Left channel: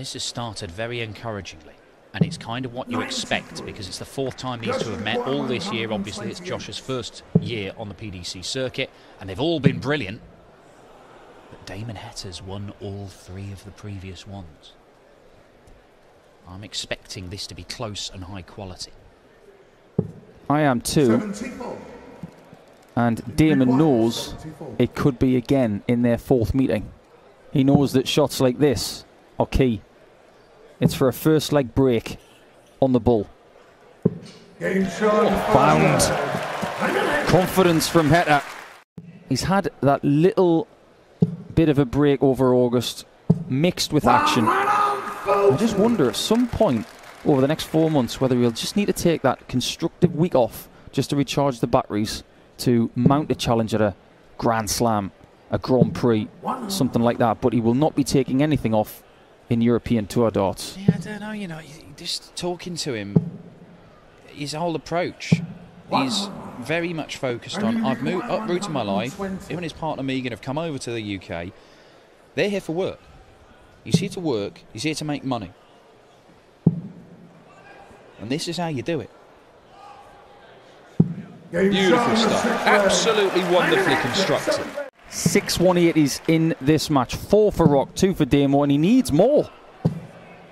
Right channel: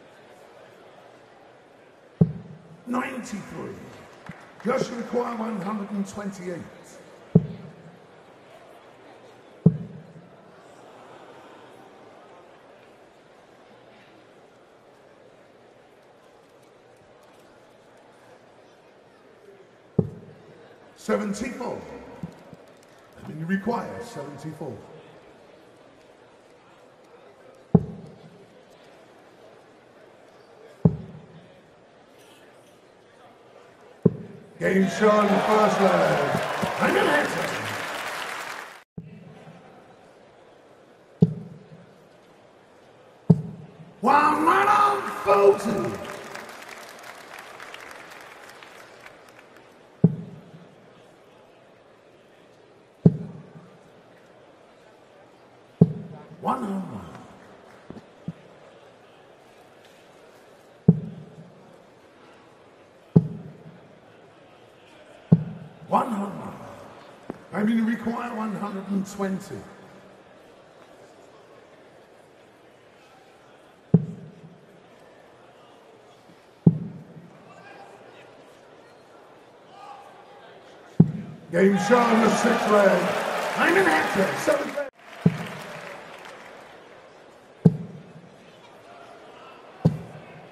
This has started very encouragingly, and it's kind of what you expect because it's the fourth time these two have met all this year. Obviously, it's Josh's first year on the PDC circuit, and they've all been brilliant. But Damon Hetter's won all three of the previous ones. I'm expecting this to be close and high quality. I am too. And Damon knows it could be again in their fourth meeting. He knows that shots like this are key. It's for a first leg break on the bull. Found confidence from Hetta. He's had that little bit of a break over August mixed with action. I just wonder at some point over the next 4 months whether we'll just need to take that constructive week off just to recharge the batteries to mount a challenge at a Grand Slam, a Grand Prix, something like that. But he will not be taking anything off in European Tour darts. Yeah, I don't know, you know, just talking to him, his whole approach is very much focused on, I've moved uprooted my life, him and his partner Megan have come over to the UK, they're here for work. He's here to work, he's here to make money. And this is how you do it. Beautiful stuff, absolutely wonderfully constructed. 6 180s in this match. 4 for Rock, 2 for Damo, and he needs more.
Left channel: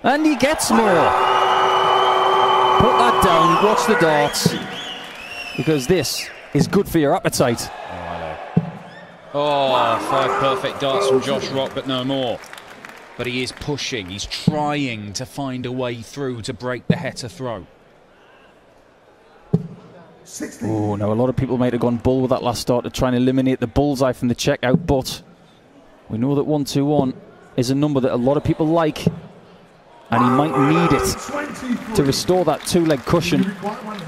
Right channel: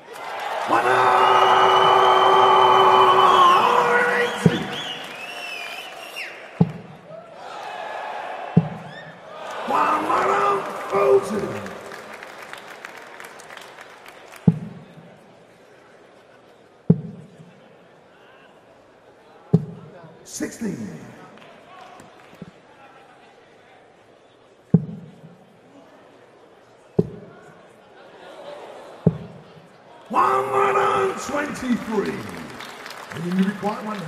And he gets more. Put that down, watch the darts. Because this is good for your appetite. Oh, 5 perfect darts from Josh Rock, but no more. But he is pushing, he's trying to find a way through to break the Hetta throw. Oh, now a lot of people might have gone bull with that last start to try and eliminate the bullseye from the checkout, but we know that 121 is a number that a lot of people like, and he might need it to restore that 2-leg cushion.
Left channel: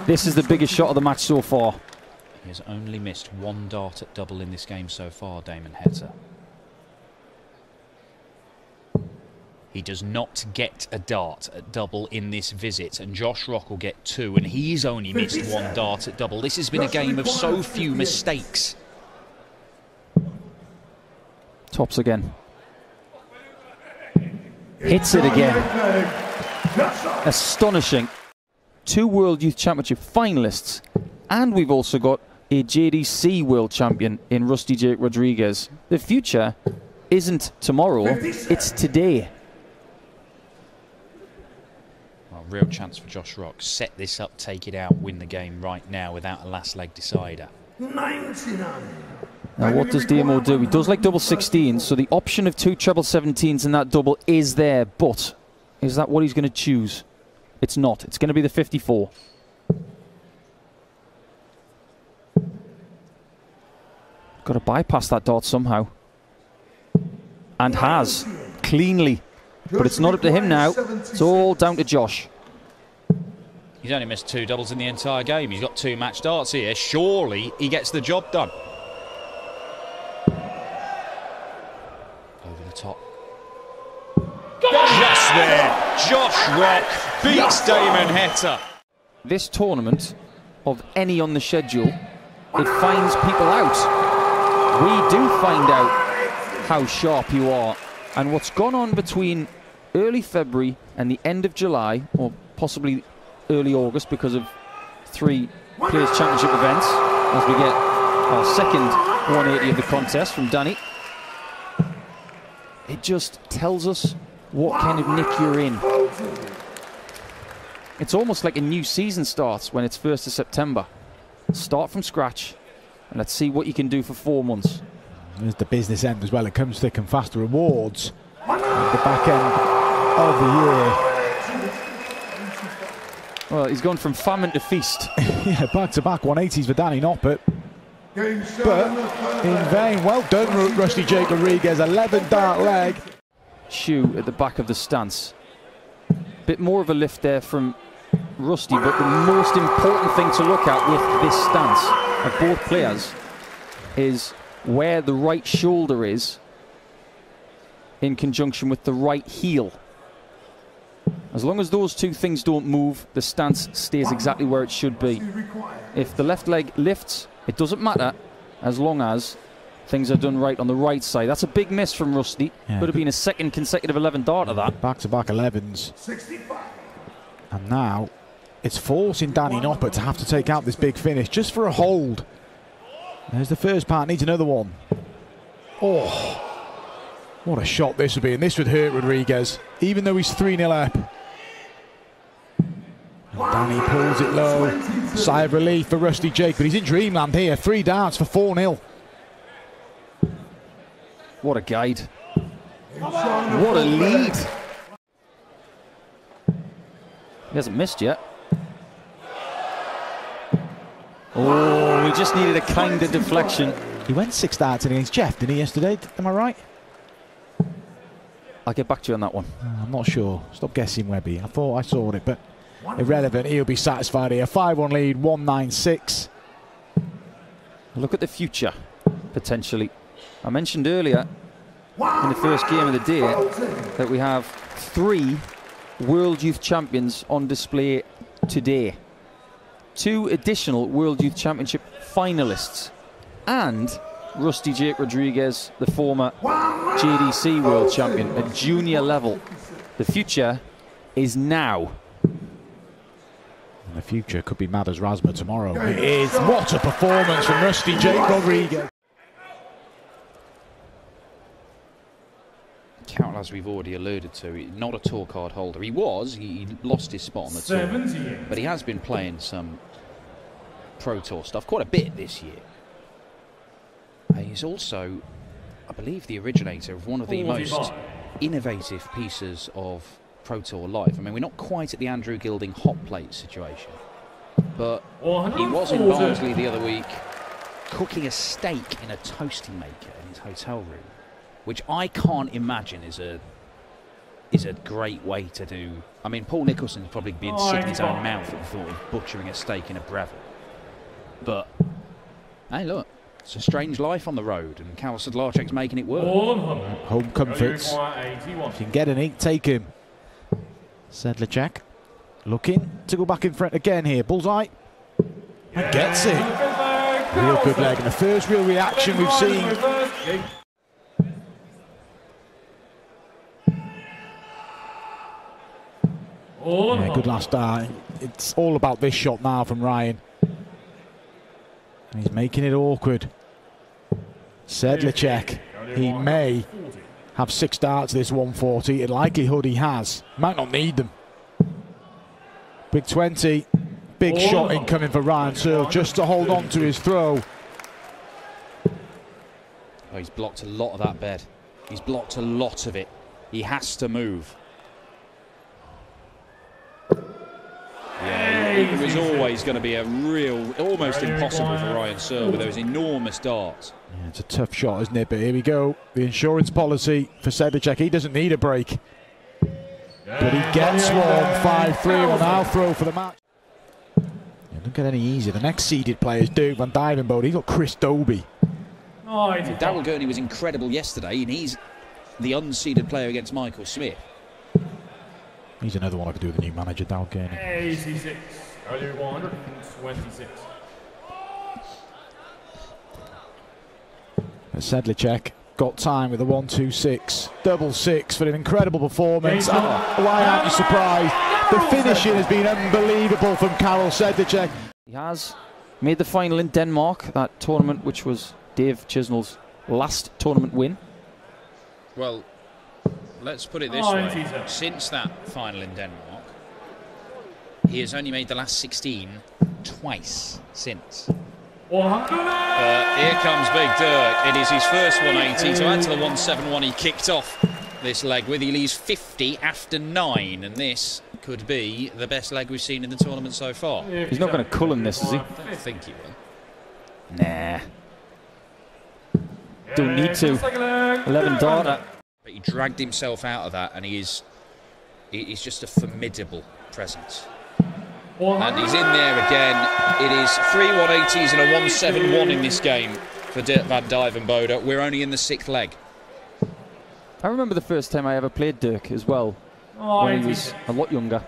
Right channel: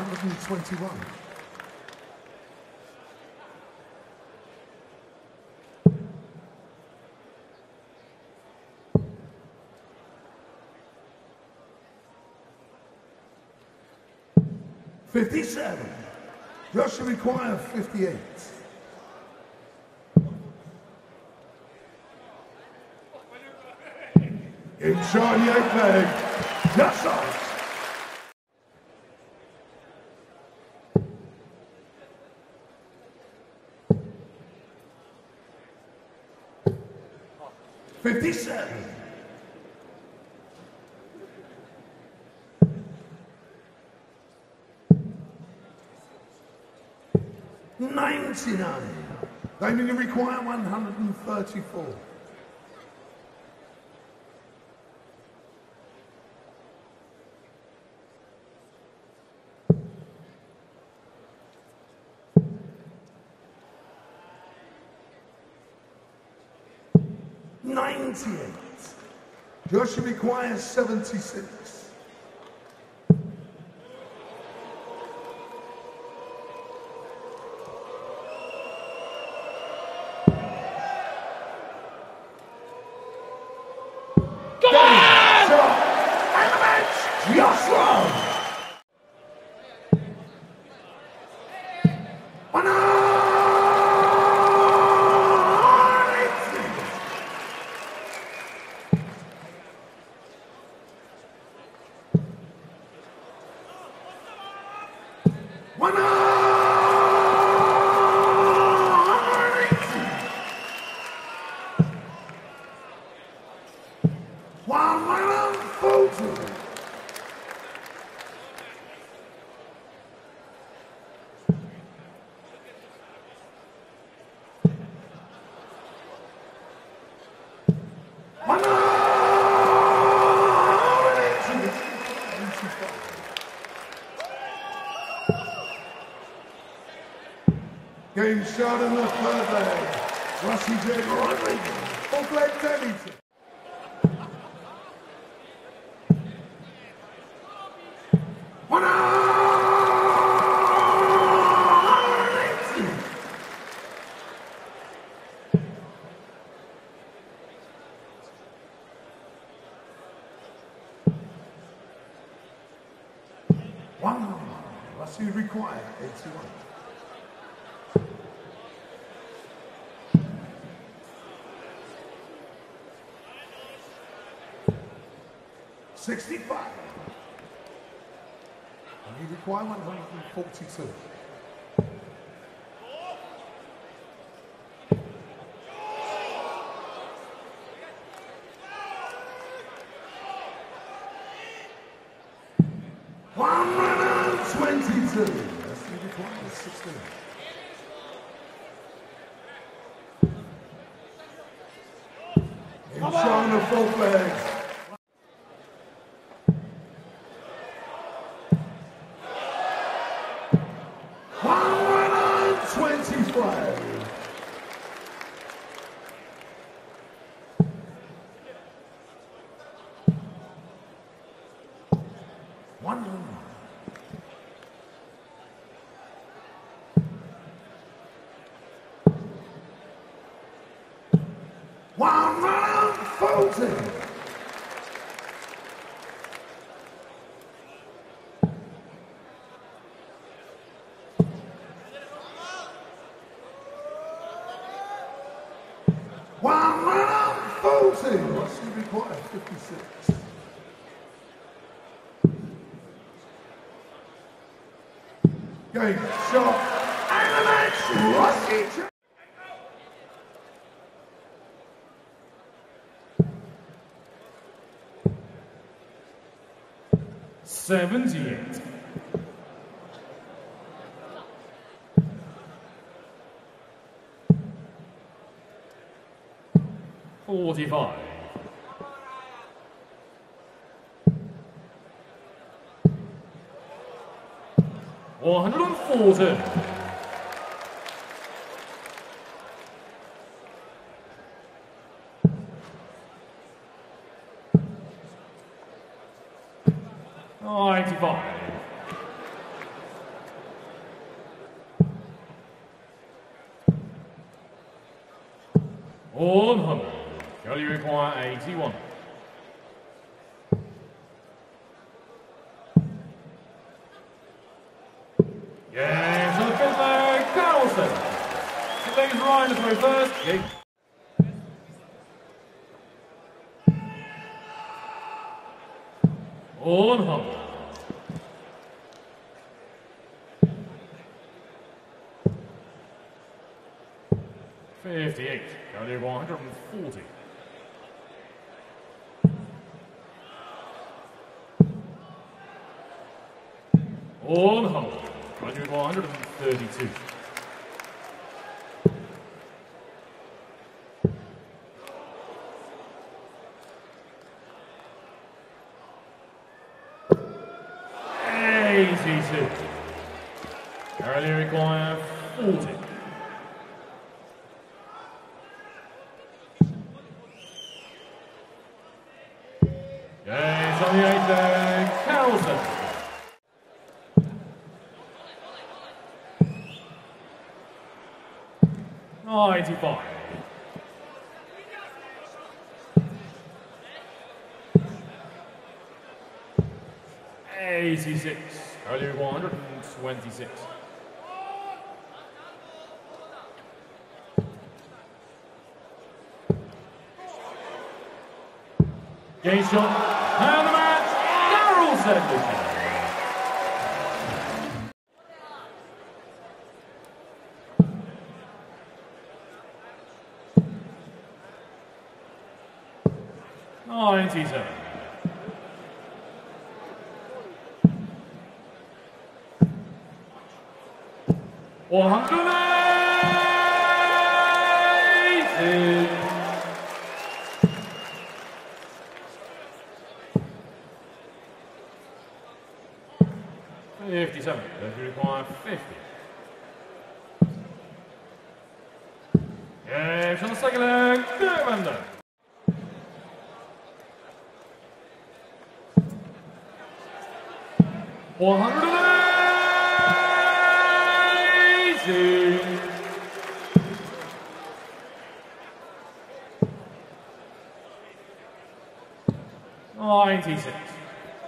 This is the biggest shot of the match so far. He has only missed 1 dart at double in this game so far, Damon Hetta. He does not get a dart at double in this visit, and Josh Rock will get 2, and he's only missed 1 dart at double. This has been a game of so few mistakes. Tops again. Hits it again. Astonishing. 2 World Youth Championship finalists, and we've also got a JDC World Champion in Rusty Jake Rodriguez. The future isn't tomorrow, it's today. Real chance for Josh Rock. Set this up, take it out, win the game right now without a last leg decider. 99. Now what does Damo do? He does like double 16s, so the option of 2 treble 17s in that double is there, but is that what he's going to choose? It's not. It's going to be the 54. Got to bypass that dart somehow. And has. Cleanly. But it's not up to him now. It's all down to Josh. He's only missed 2 doubles in the entire game. He's got 2 match darts here. Surely he gets the job done. Over the top. Yes, there. Josh Rock beats Damon Hetta. This tournament, of any on the schedule, it finds people out. We do find out how sharp you are. And what's gone on between early February and the end of July, or possibly early August because of 3 Players' Championship events, as we get our second 180 of the contest from Danny. It just tells us what kind of nick you're in. It's almost like a new season starts when it's 1st of September. Start from scratch, and let's see what you can do for 4 months. There's the business end as well. It comes thick and fast. The rewards at the back end of the year. Well, he's gone from famine to feast. Yeah, back-to-back 180s for Danny Noppert. But in vain. Well done, Rusty Jake Rodriguez. 11 dart leg. Shoe at the back of the stance. Bit more of a lift there from Rusty, but the most important thing to look at with this stance of both players is where the right shoulder is in conjunction with the right heel. As long as those 2 things don't move, the stance stays exactly where it should be. If the left leg lifts, it doesn't matter as long as things are done right on the right side. That's a big miss from Rusty. Yeah. Could have been a second consecutive 11 dart of that. Back-to-back 11s. 65. And now it's forcing Danny Noppert to have to take out this big finish just for a hold. There's the first part, needs another one. Oh, what a shot this would be, and this would hurt Rodriguez, even though he's 3-0 up. And Danny pulls it low. Sigh of relief for Rusty Jake, but he's in dreamland here. 3 darts for 4-0. What a guide. What a lead. He hasn't missed yet. Oh, he just needed a kind of deflection. He went 6 darts against Jeff, didn't he, yesterday? Am I right? I'll get back to you on that one. I'm not sure. Stop guessing, Webby. I thought I saw it, but irrelevant. He'll be satisfied here. 5-1 lead, 196. Look at the future, potentially. I mentioned earlier in the first game of the day that we have 3 World Youth Champions on display today. 2 additional World Youth Championship finalists. And Rusty Jake Rodriguez, the former JDC World Champion at junior level. The future is now. And the future could be mad as Rasma tomorrow. It is. What a performance from Rusty Jake Rodriguez. Carroll, as we've already alluded to, not a tour card holder. He lost his spot on the tour, but he has been playing some Pro Tour stuff quite a bit this year. He's also, I believe, the originator of one of the most innovative pieces of Pro Tour life. I mean, we're not quite at the Andrew Gilding hot plate situation, but he was in Barnsley the other week cooking a steak in a toasty maker in his hotel room, which I can't imagine is a great way to do. I mean, Paul Nicholson would probably be sick in his own mouth at the thought of butchering a steak in a Breville. But, hey, look, it's a strange life on the road, and Karol Sedlacek's making it work. Home comforts. If you can get an 8, take him. Sedlacek looking to go back in front again here. Bullseye. And gets it. Real good leg. And the first real reaction we've seen. Yeah, good last start. It's all about this shot now from Ryan. And he's making it awkward. Sedlacek, he may have 6 darts this 140. In likelihood he has. Might not need them. Big 20. Big shot incoming for Ryan Searle just to hold on to his throw. Oh, he's blocked a lot of that bed. He's blocked a lot of it. He has to move. Yeah, it was always going to be a real, almost impossible for Ryan Searle with those enormous darts. Yeah, it's a tough shot, isn't it? But here we go. The insurance policy for Sedlacek. He doesn't need a break. But he gets one. 5-3 on our throw for the match. It doesn't get any easier. The next seeded player is Dirk van Dijvenbode. He's got Chris Dobie. Daryl Gurney was incredible yesterday, and he's the unseeded player against Michael Smith. He's another one I could do with the new manager, Daryl Gurney. 86, earlier 126. Sedlacek got time with a 1-2-6. Double 6 for an incredible performance. And why aren't you surprised? The finishing has been unbelievable from Karol Sedlacek. He has made the final in Denmark, that tournament which was Dave Chisnell's last tournament win. Well, let's put it this way. Since that final in Denmark, he has only made the last 16 twice since. But here comes Big Dirk. It is his first 180 to add to the 171 he kicked off this leg with. He leaves 50 after 9, and this could be the best leg we've seen in the tournament so far. He's not going to cullen this, is he? I don't think he will. Nah. Don't need to. 11 darter. But he dragged himself out of that, and he's just a formidable presence. And he's in there again. It is 3 180s and a 171 in this game for Dirk van Dijvenbode. We're only in the 6th leg. I remember the first time I ever played Dirk as well, when he was a lot younger.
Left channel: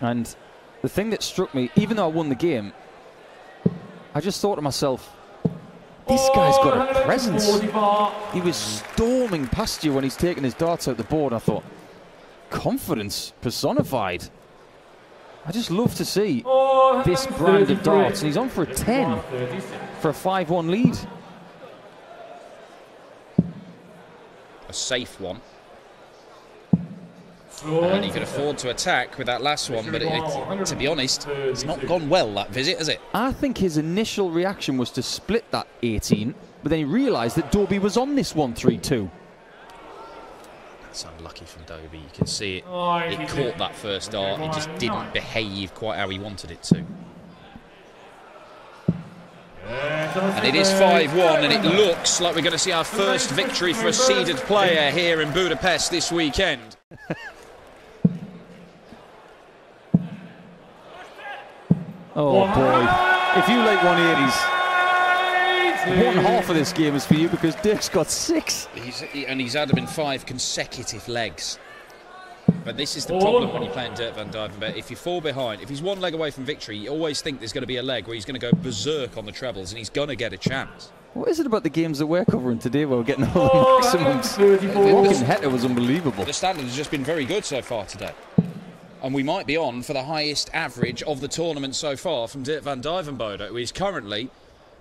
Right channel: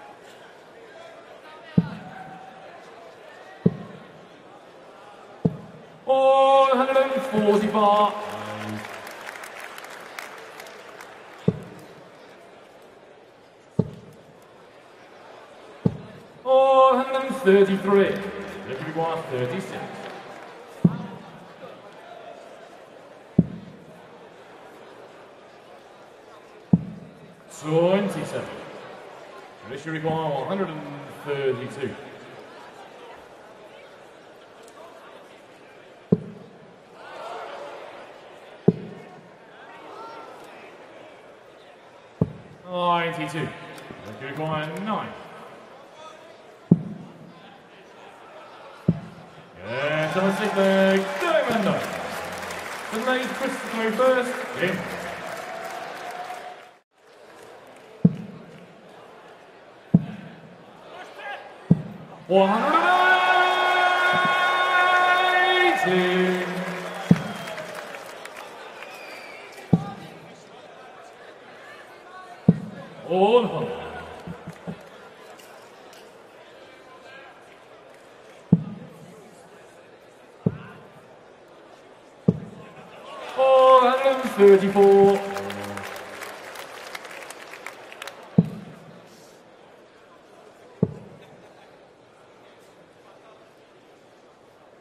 And the thing that struck me, even though I won the game, I just thought to myself, This guy's got a presence. He was storming past you when he's taking his darts out the board. I thought, confidence personified. I just love to see this brand of darts. And he's on for a 10 for a 5-1 lead. A safe one. And he can afford to attack with that last one, but to be honest, it's not gone well, that visit, has it? I think his initial reaction was to split that 18, but then he realised that Dobie was on this 1-3-2. It's unlucky from Dobie. You can see it. He caught that first dart. He just didn't behave quite how he wanted it to. And it is 5-1, and it looks like we're going to see our first victory for a seeded player here in Budapest this weekend. Oh boy, if you like 180s, one half of this game is for you because Dirk's got 6. He's had them in 5 consecutive legs. But this is the problem when you're playing Dirk van Dijvenbode. If you fall behind, if he's 1 leg away from victory, you always think there's going to be a leg where he's going to go berserk on the trebles and he's going to get a chance. What is it about the games that we're covering today where we're getting all the maximums? Walking Hector was unbelievable. The standard has just been very good so far today. And we might be on for the highest average of the tournament so far from Dirk van Dijvenbode, who is currently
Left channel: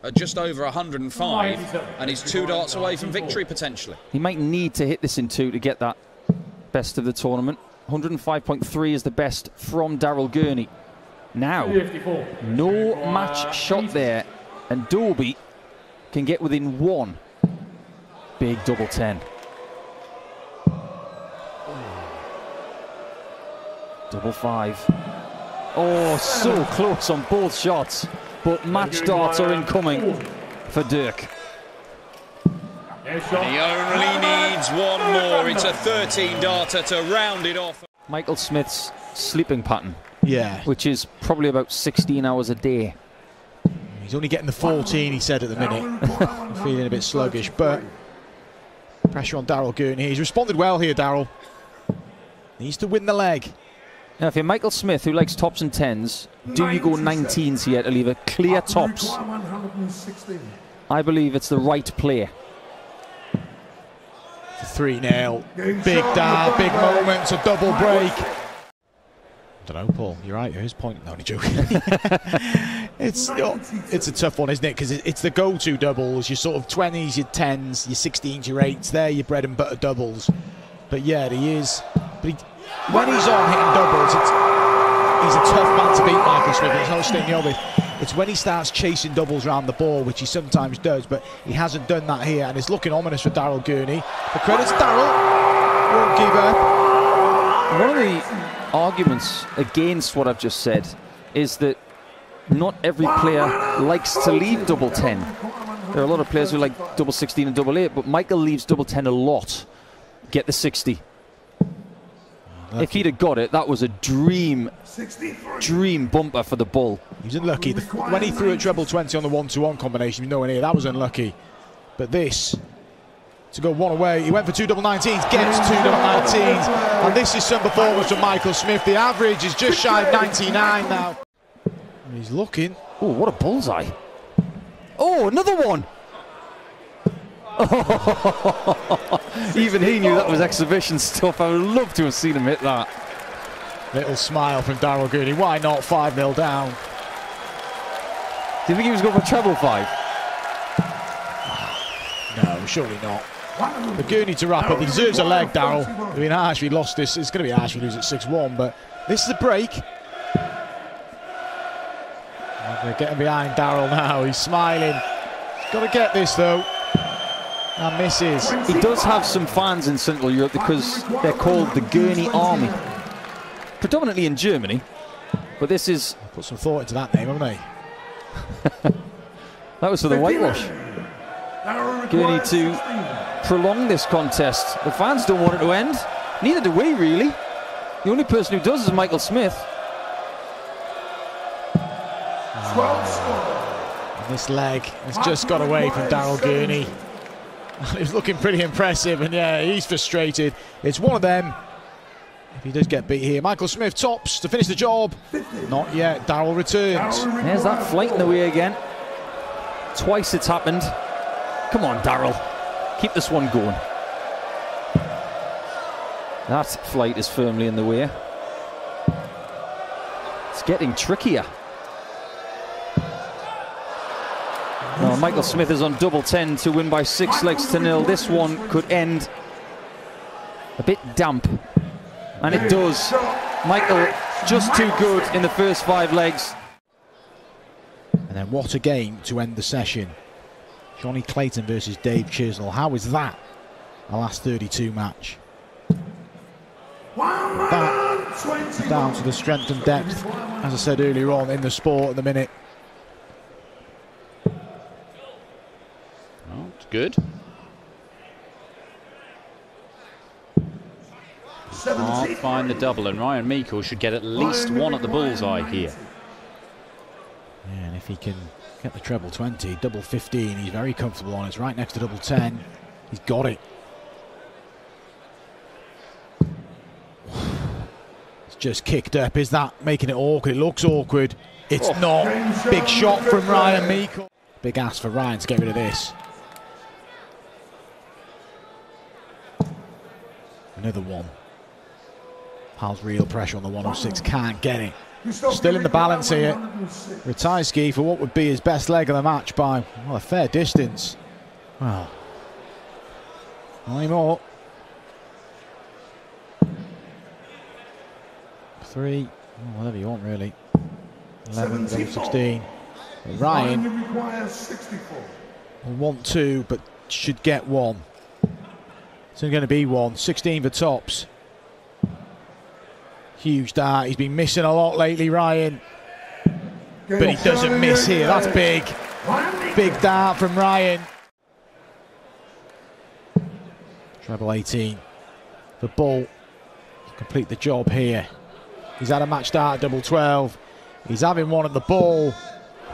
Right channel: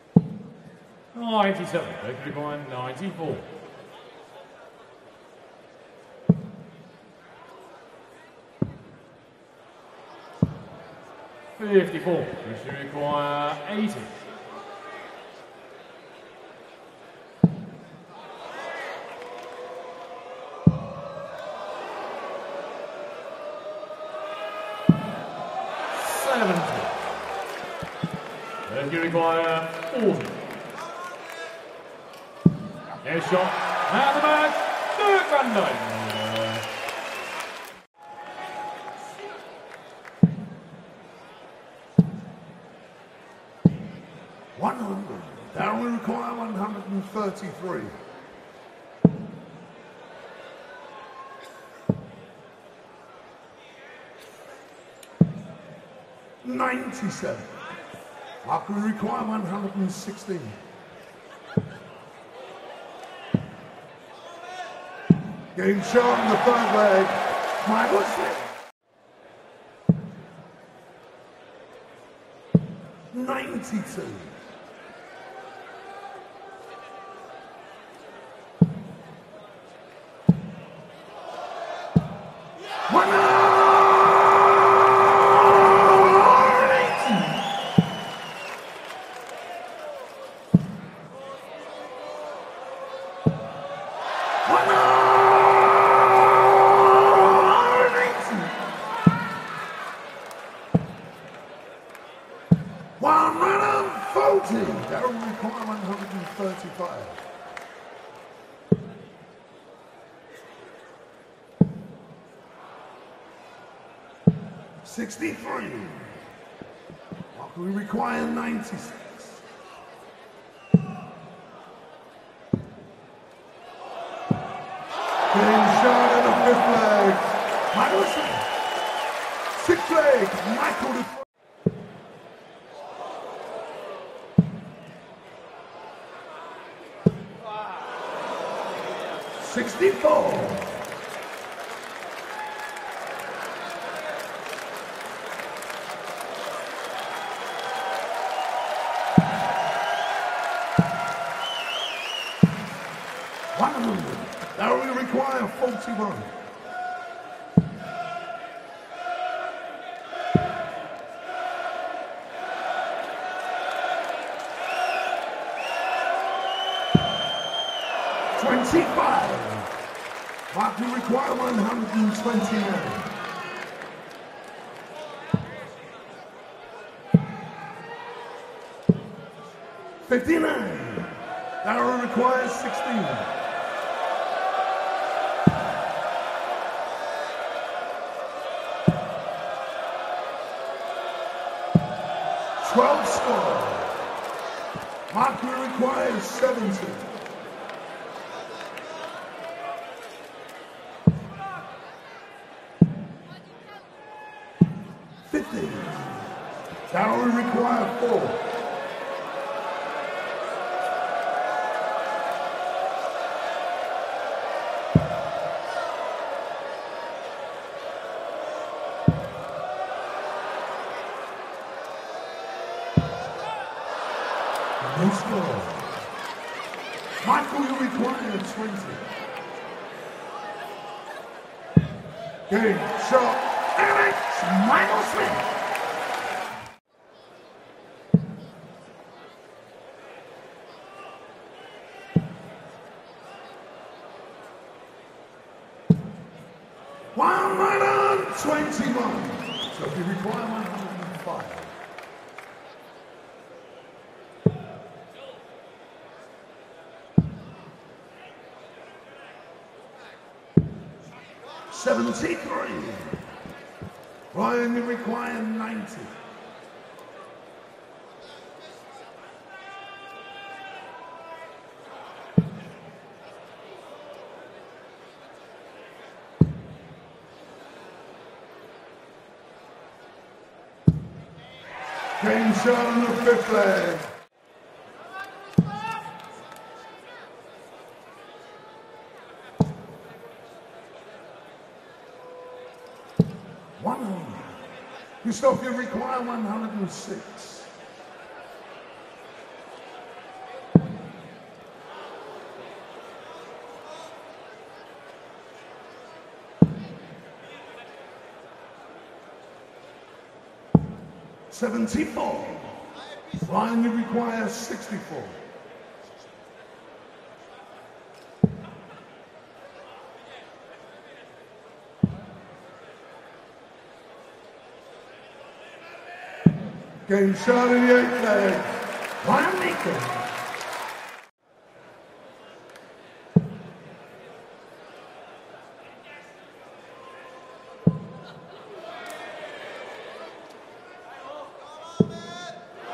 at just over 105 and he's 2 darts away from victory potentially. He might need to hit this in 2 to get that best of the tournament. 105.3 is the best from Daryl Gurney. Now, no match shot there, and Dobie can get within 1. Big double 10. Double 5. Oh, so close on both shots, but match darts are incoming for Dirk. He only needs 1 more. It's a 13-darter to round it off. Michael Smith's sleeping pattern, which is probably about 16 hours a day. He's only getting the 14, he said at the minute. Feeling a bit sluggish, but pressure on Daryl Gurney. He's responded well here, Daryl. Needs to win the leg. Now, if you're Michael Smith, who likes tops and 10s, do you go 19s here to leave a clear tops? I believe it's the right play. 3-0. Big dart, big moment, it's a double break. I don't know, Paul, you're right, here's point. No, only joking. It's a tough one, isn't it? Because it's the go-to doubles, your sort of 20s, your 10s, your 16s, your 8s. They're your bread and butter doubles. But yeah, he is. But when he's on hitting doubles, he's a tough man to beat, Michael Smith. It's not staying with. It's when he starts chasing doubles around the ball, which he sometimes does, but he hasn't done that here, and it's looking ominous for Daryl Gurney. The credit's Daryl. Won't give up. One of the arguments against what I've just said is that not every player likes to leave double 10. There are a lot of players who like double 16 and double 8, but Michael leaves double 10 a lot. Get the 60. If he'd have got it, that was a dream bumper for the bull. He was unlucky. When he threw a treble 20 on the 1-2-1 combination, nowhere near, that was unlucky. But this, to go 1 away, he went for 2 double 19s, gets 2 double 19s, and this is some performance from Michael Smith. The average is just shy of 99 now. He's looking. Oh, what a bullseye. Oh, another one. Even he knew that was exhibition stuff. I would love to have seen him hit that. Little smile from Daryl Gurney. Why not? 5-0 down. Do you think he was going for treble 5? No, surely not. But Gurney to wrap up. He deserves a leg, Daryl. I mean, harsh if he lost this. It's going to be harsh if he loses at 6-1, but this is a break. They're getting behind Daryl now. He's smiling. He's got to get this, though. And misses. He does have some fans in Central Europe because they're called the Gurney Army. Predominantly in Germany, but this is... Put some thought into that name, haven't they? That was for the whitewash. Gurney to prolong this contest. The fans don't want it to end. Neither do we, really. The only person who does is Michael Smith. This leg has just got away from Daryl Gurney. It was looking pretty impressive, and yeah, he's frustrated. It's one of them. If he does get beat here, Michael Smith tops to finish the job. Not yet. Daryl returns. There's that flight in the way again. Twice it's happened. Come on, Darryl. Keep this one going. That flight is firmly in the way. It's getting trickier. Well, Michael Smith is on double 10 to win by 6 legs to 0. This one could end a bit damp. And it does. Michael just too good in the first 5 legs. And then what a game to end the session. Johnny Clayton versus Dave Chisnell. How is that a last 32 match? That down to the strength and depth, as I said earlier on, in the sport at the minute. Oh, it's good. Can't find the double, and Ryan Meikle should get at least one at the bullseye here. Yeah, and if he can get the treble 20, double 15, he's very comfortable on. It's right next to double 10. He's got it. It's just kicked up. Is that making it awkward? It looks awkward. It's not. Big shot from Ryan Meikle. Big ask for Ryan to get rid of this. Another one. Pal's real pressure on the 106, can't get it. Still in the balance here. Ratajski for what would be his best leg of the match by, well, a fair distance. Wow. Not anymore. 3, oh, whatever you want really. 11, 16. And Ryan will want 2, but should get 1. It's only going to be 1. 16 for tops. Huge dart. He's been missing a lot lately, Ryan. But he doesn't miss here. That's big. Big dart from Ryan. Treble 18. The ball to complete the job here. He's had a match start at double 12. He's having one at the ball.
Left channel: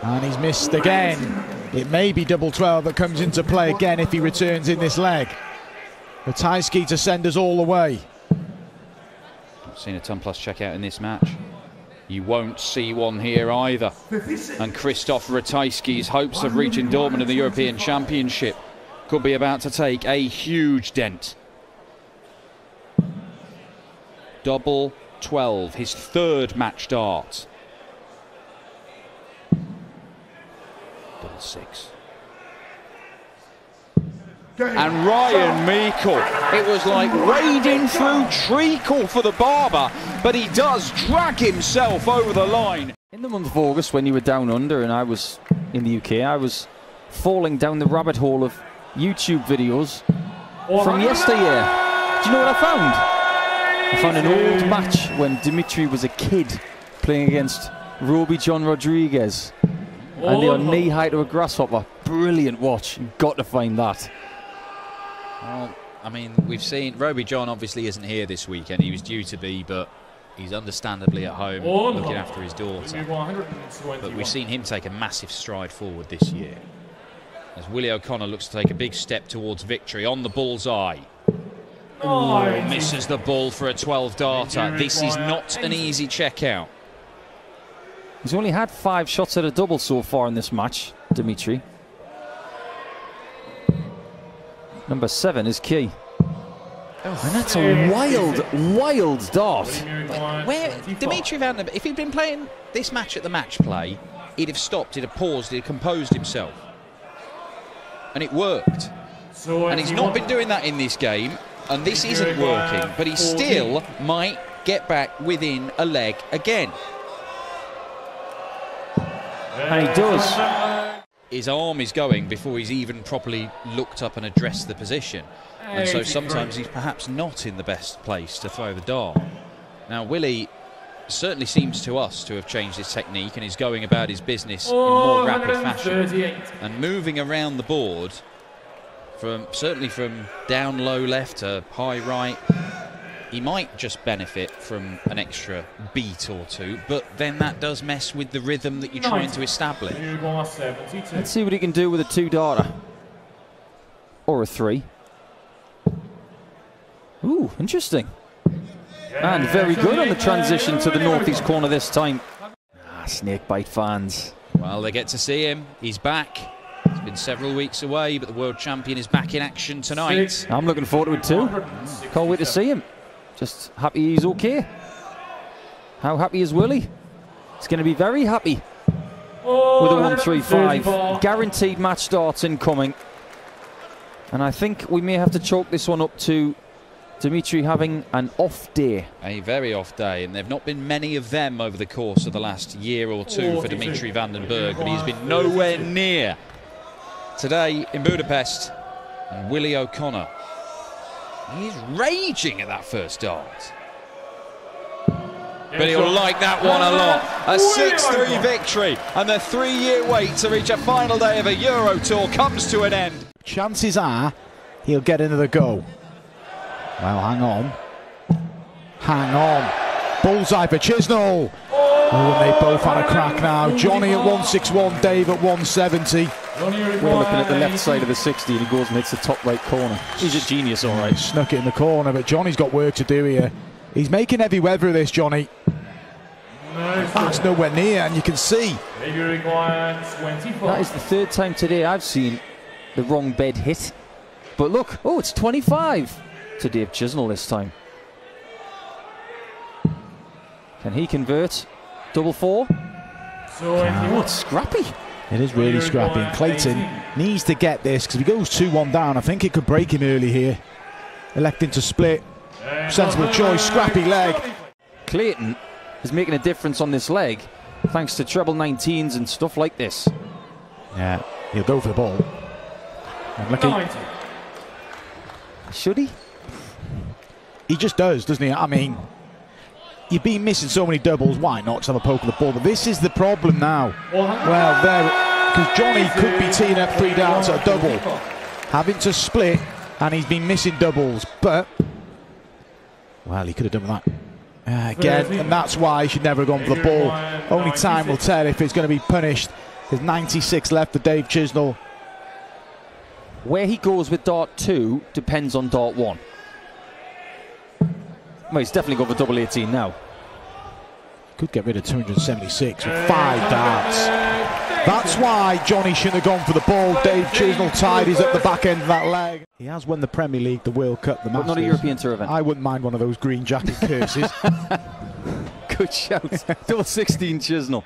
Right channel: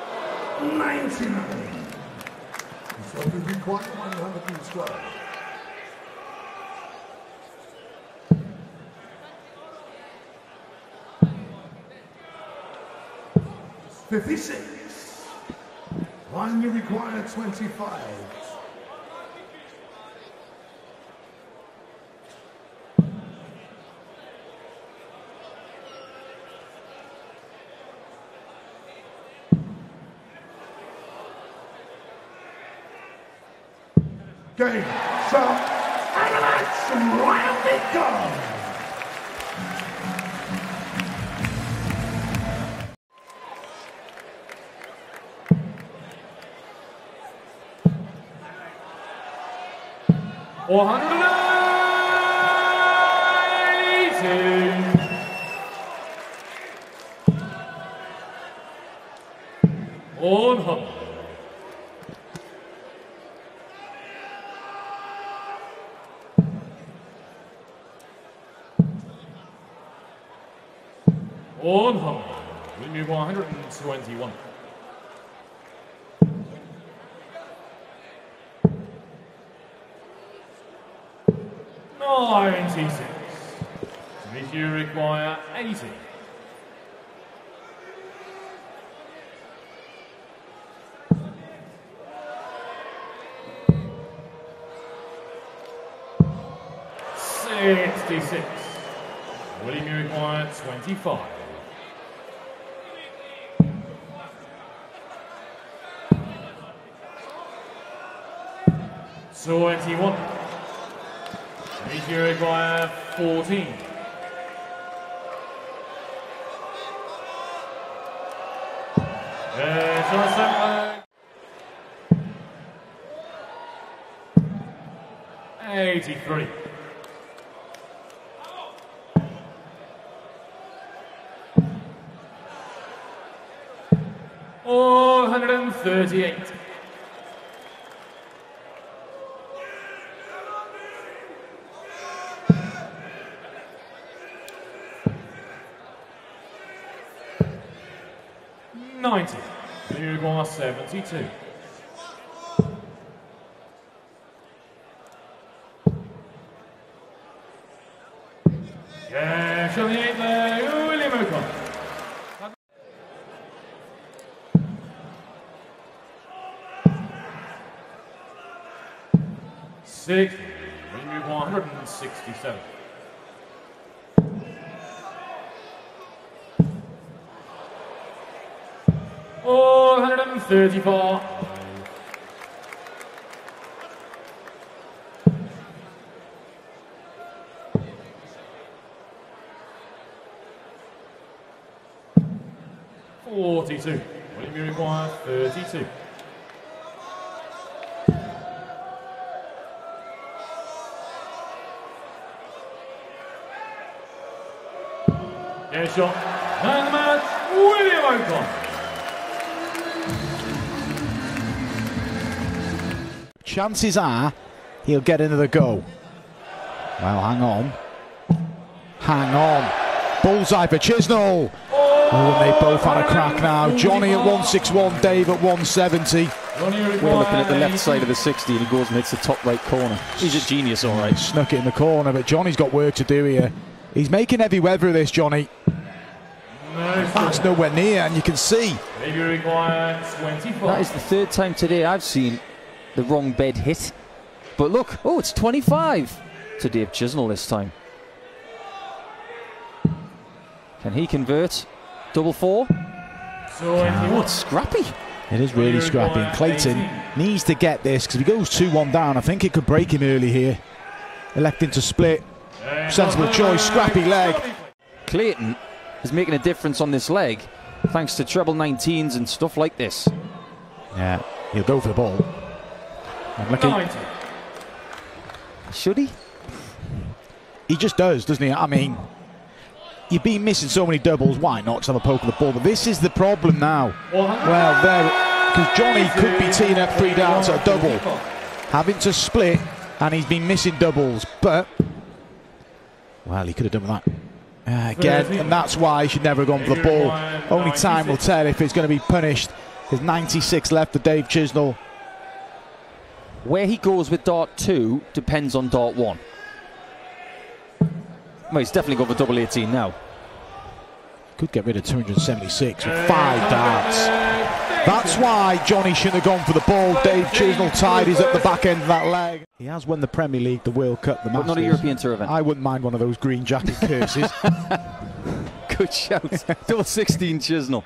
And he's missed again. It may be double 12 that comes into play again if he returns in this leg. Ratajski to send us all the way. Seen a ton plus checkout in this match. You won't see one here either. And Krzysztof Ratajski's hopes of reaching Dortmund in the European Championship could be about to take a huge dent. Double 12, his 3rd match dart. Double 6. And Ryan Meikle, it was like wading through treacle for the barber, but he does drag himself over the line. In the month of August, when you were down under and I was in the UK, I was falling down the rabbit hole of YouTube videos from yesteryear. Do you know what I found? I found an old match when Dimitri was a kid playing against Roby John Rodriguez. And they are knee-high to a grasshopper. Brilliant watch. You've got to find that. Well, I mean, we've seen Roby John obviously isn't here this weekend. He was due to be, but he's understandably at home looking after his daughter. But we've seen him take a massive stride forward this year, as Willie O'Connor looks to take a big step towards victory on the bullseye. Oh, misses the ball for a 12 darter. This is not an easy checkout. He's only had 5 shots at a double so far in this match, Dimitri. Number 7 is key. Oh, and that's a wild, wild dart. Where Dimitri Van der Beek, if he'd been playing this match at the match play, he'd have stopped, he'd have paused, he'd have composed himself. And it worked. And he's not been doing that in this game, and this isn't working, but he still might get back within a leg again. And he does. His arm is going before he's even properly looked up and addressed the position. And so sometimes he's perhaps not in the best place to throw the dart. Now, Willie certainly seems to us to have changed his technique and is going about his business in more rapid fashion. And moving around the board, certainly from down low left to high right, he might just benefit from an extra beat or 2, but then that does mess with the rhythm that you're trying to establish. Let's see what he can do with a 2-darter. Or a 3. Ooh, interesting. And very good on the transition to the northeast corner this time. Ah, snakebite fans. Well, they get to see him. He's back. He's been several weeks away, but the world champion is back in action tonight. I'm looking forward to it too. Can't wait to see him. Just happy he's okay. How happy is Willie? He's going to be very happy with a 135. Guaranteed match starts incoming. And I think we may have to chalk this one up to Dimitri having an off day. A very off day, and there have not been many of them over the course of the last year or two for Dimitri van den Bergh, but he's been nowhere near today in Budapest. And Willie O'Connor, he's raging at that first dart. But he'll like that one a lot. A 6-3 victory, and the 3-year wait to reach a final day of a Euro Tour comes to an end. Chances are he'll get another go. Well, hang on. Hang on. Bullseye for Chisnall. Oh, and they both had a crack now. Johnny at 161, Dave at 170. We're looking at the left side of the 60 and he goes and hits the top right corner. He's a genius, all right. Snuck it in the corner, but Johnny's got work to do here. He's making heavy weather of this, Johnny. That's nowhere near, and you can see. That is the third time today I've seen the wrong bed hit. But look, oh, it's 25 to Dave Chisnall this time. Can he convert? Double four? Oh, it's scrappy. It is really scrappy, and Clayton needs to get this, because if he goes 2-1 down, I think it could break him early here. Electing to split. Sensible choice, scrappy leg. Clayton is making a difference on this leg, thanks to treble 19s and stuff like this. Yeah, he'll go for the ball. And should he? He just does, doesn't he? I mean, you've been missing so many doubles, why not just have a poke of the ball? But this is the problem now. Well, there, because Johnny could be teeing up 3 darts at a double, having to split, and he's been missing doubles. But, well, he could have done with that. Again, and that's why he should never have gone for the ball. Only time will tell if it's going to be punished. There's 96 left for Dave Chisnall. Where he goes with dart 2 depends on dart 1. Well, he's definitely going for double 18 now. Could get rid of 276 with 5 darts. That's why Johnny shouldn't have gone for the ball. Dave Chisnall tied his up the back end of that leg. He has won the Premier League, the World Cup, the Masters. But not a European Tour event. I wouldn't mind one of those green jacket curses. Good shout. Double 16 Chisnall.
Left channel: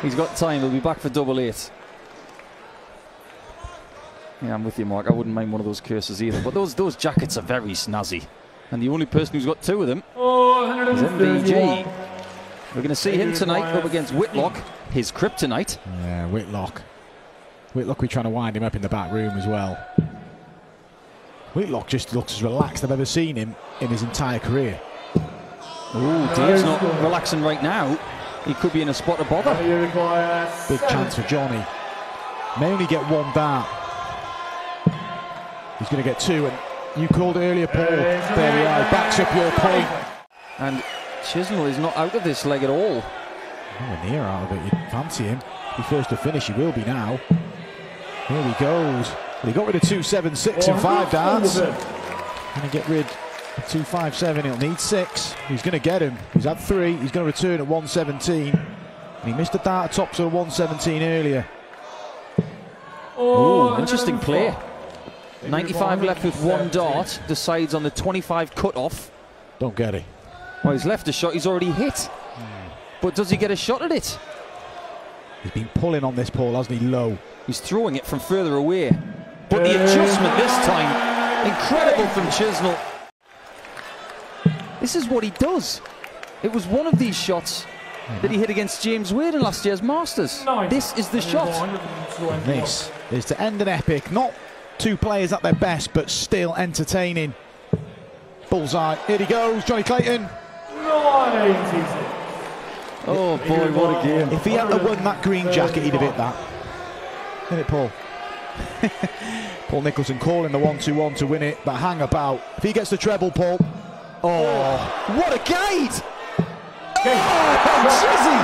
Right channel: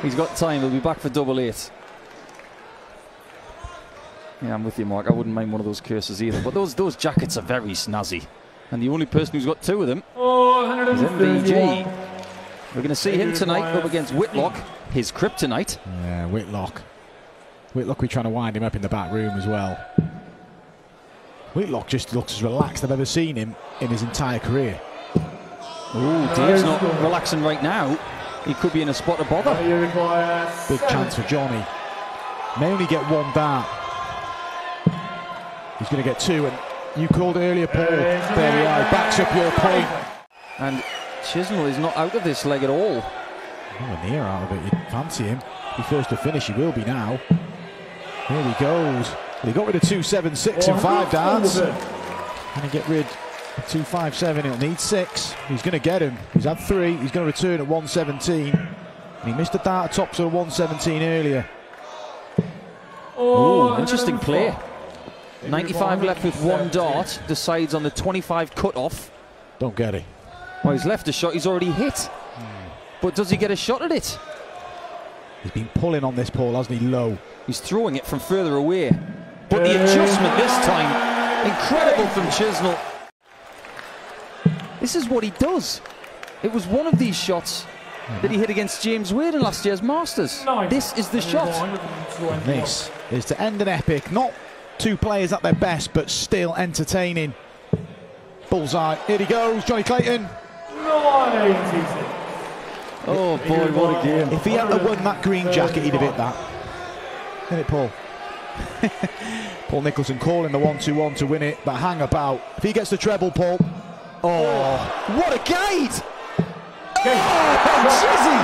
He's got time. He'll be back for double 8. Yeah, I'm with you, Mark. I wouldn't mind one of those curses either. But those jackets are very snazzy. And the only person who's got 2 of them is MBG. We're going to see him tonight up against Whitlock, his kryptonite. Yeah, Whitlock. Whitlock, we're trying to wind him up in the back room as well. Whitlock just looks as relaxed as I've ever seen him in his entire career. Ooh, Dave's not relaxing right now. He could be in a spot of bother. Big chance for Johnny. May only get 1 dart. He's going to get 2, and you called earlier, Paul. There we are, backs up your point. And Chisnall is not out of this leg at all. Nowhere near out of it. You'd fancy him. Be first to finish, he will be now. Here he goes. Well, he got rid of 276 and 5 darts. Can he get rid of 257? He'll need 6. He's going to get him. He's had 3. He's going to return at 117. And he missed a dart at top sort of 117 earlier. Ooh, interesting play. 95 left with 1 dart. Decides on the 25 cut-off. Don't get it. Well, he's left a shot he's already hit. But does he get a shot at it? He's been pulling on this, Paul, hasn't he? Low. He's throwing it from further away. But the adjustment this time, incredible from Chisnall. This is what he does. It was one of these shots that he hit against James Wade in last year's Masters. This is the shot. And this is to end an epic. Not 2 players at their best, but still entertaining. Bullseye. Here he goes, Johnny Clayton. Oh boy, what a game. If he hadn't won that green jacket, he'd have hit that. Isn't it, Paul? Paul Nicholson calling the 1-2-1 to win it, but hang about. If he gets the treble, Paul. Oh, what a gate! Oh, Chizzy!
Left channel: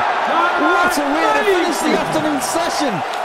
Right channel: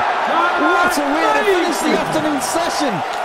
What a way to finish the afternoon session!